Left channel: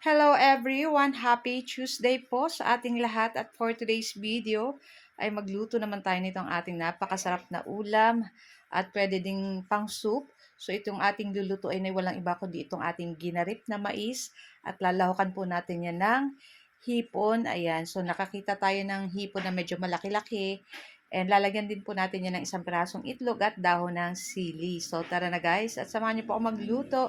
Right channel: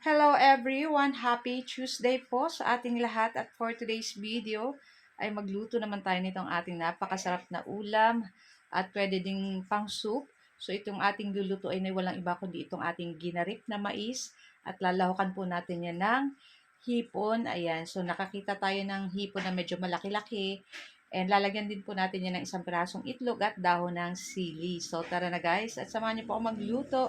Hello everyone! Happy Tuesday po sa ating lahat at for today's video ay magluto naman tayo nitong ating napakasarap na ulam at pwede ding pang soup. So itong ating lulutuin ay walang iba kundi itong ating ginarip na mais at lalahukan po natin yan ng hipon. Ayan, so nakakita tayo ng hipon na medyo malaki-laki. And lalagyan din po natin yan ng isang pirasong itlog at dahon ng sili. So tara na guys at samahan niyo po ako magluto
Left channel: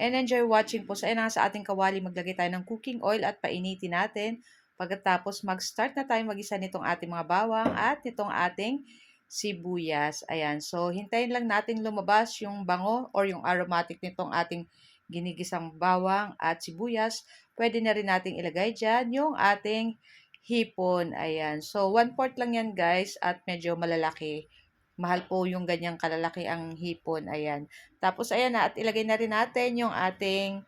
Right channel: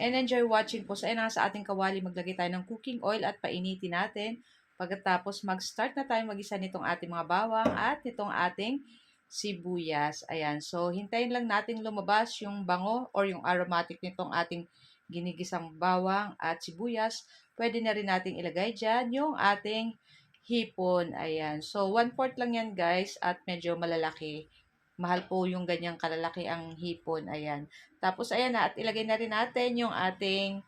and enjoy watching po. So ayun na nga sa ating kawali, maglagay tayo ng cooking oil at painitin natin. Pagkatapos mag-start na tayo mag-isa nitong ating mga bawang at nitong ating sibuyas. Ayan, so hintayin lang natin lumabas yung bango or yung aromatic nitong ating ginigisang bawang at sibuyas. Pwede na rin nating ilagay dyan yung ating hipon. Ayan. So, 1/4 lang yan guys at medyo malalaki. Mahal po yung ganyang kalalaki ang hipon. Ayan. Tapos, ayan na. At ilagay na rin natin yung ating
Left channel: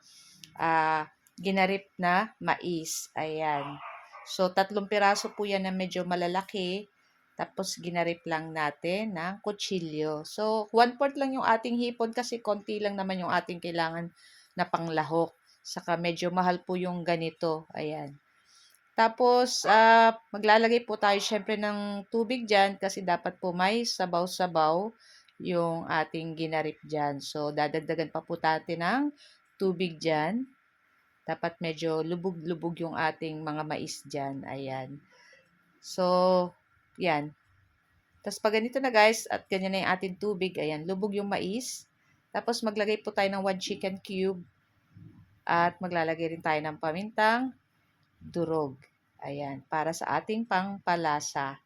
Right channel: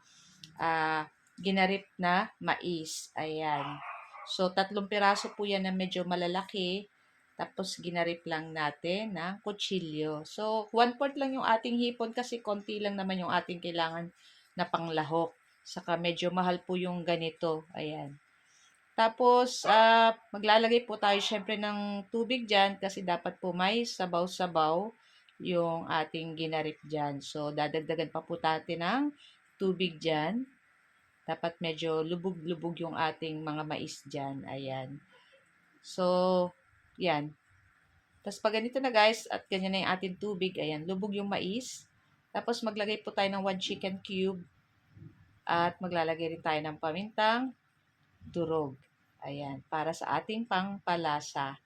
ginarip na mais. Ayan. So, 3 piraso po yan na medyo malalaki. Tapos, ginarip lang natin ng kutsilyo. So, 1/4 lang yung ating hipon kasi konti lang naman yung ating kailangan na panglahok. Saka medyo mahal po yung ganito. Ayan. Tapos, maglalagay po tayo syempre ng tubig dyan kasi dapat po may sabaw-sabaw yung ating ginarip dyan. So, dadagdagan pa po natin ng tubig dyan. Dapat medyo lubog-lubog yung ating mga mais dyan. Ayan. So, yan. Tapos, pag ganito na guys, at ganyan na yung ating tubig, ayan, lubog yung mais. Tapos, maglagay po tayo ng 1 chicken cube. At maglalagay rin tayo ng pamintang durog. Ayan, para sa ating pangpalasa.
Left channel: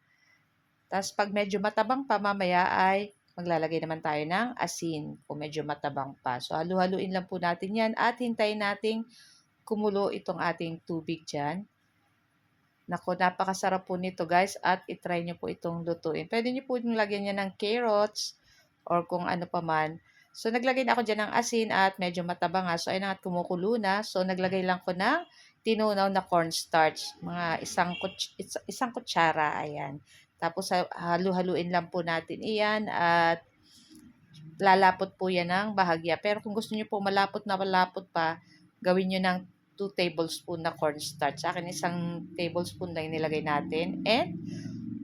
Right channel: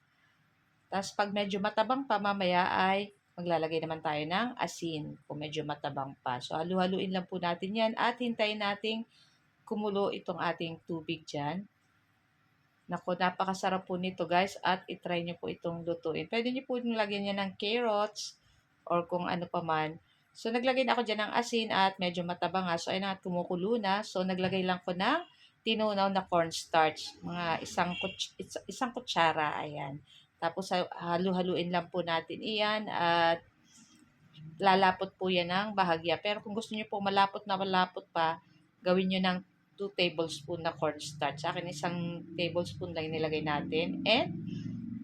Tapos pag medyo matabang pa mamaya ay maglalagay naman tayo ng asin kung medyo matabang pa. So halu-haluin lang po natin yan at hintayin nating kumulo itong ating tubig dyan. Naku, napakasarap po nito guys at itry nyo po itong lutuin. Pwede nyo po yung lagyan niya ng carrots or kung ano pa man. So naglagay na ako dyan ng asin at medyo matabang nga. So ayun na at kumukulo na. So naglagay lang ko ng tinunaw na cornstarch. Mga isang kutsara. Ayan. Tapos halu-haluin lang po natin iyan at lalapot po yan ng bahagya. Pero kung gusto niyo po malapot na malapot pa, gawin niyo ng 2 tablespoon na cornstarch. Sa akin, 1 tablespoon lang nilagay natin. And,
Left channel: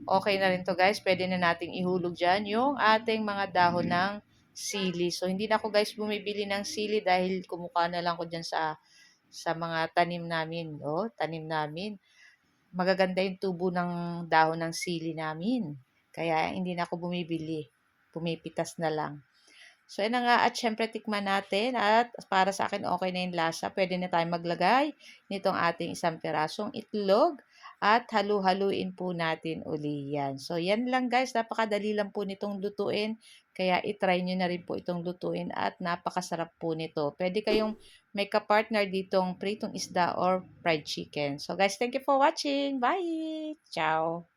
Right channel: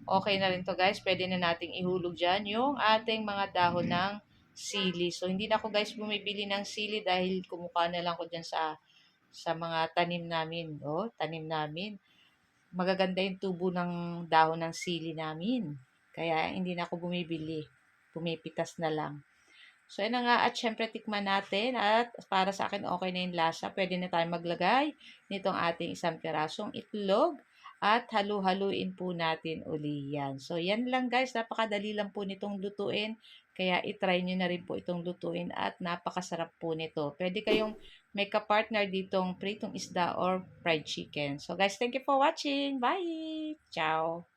okay na rin to guys. Pwede na nating ihulog dyan yung ating mga dahon ng sili. So, hindi na ako guys bumibili ng sili dahil kumukuha na lang ko dyan sa mga tanim namin. Oh, tanim namin. Magaganda yung tubo ng dahon ng sili namin. Kaya, hindi na ako bumibili. Pumipitas na lang. So, yun na nga. At syempre, tikman natin. At para sa akin, okay na yung lasa. Pwede na tayo maglagay nitong ating isang pirasong itlog. At halu-haluin po natin uli yan. So, yan lang guys. Napakadali lang po nitong lutuin. Kaya itry nyo na rin po itong lutuin. At napakasarap po nito. Pwede kayong may ka-partner ditong pritong isda or fried chicken. So, guys, thank you for watching. Bye! Ciao!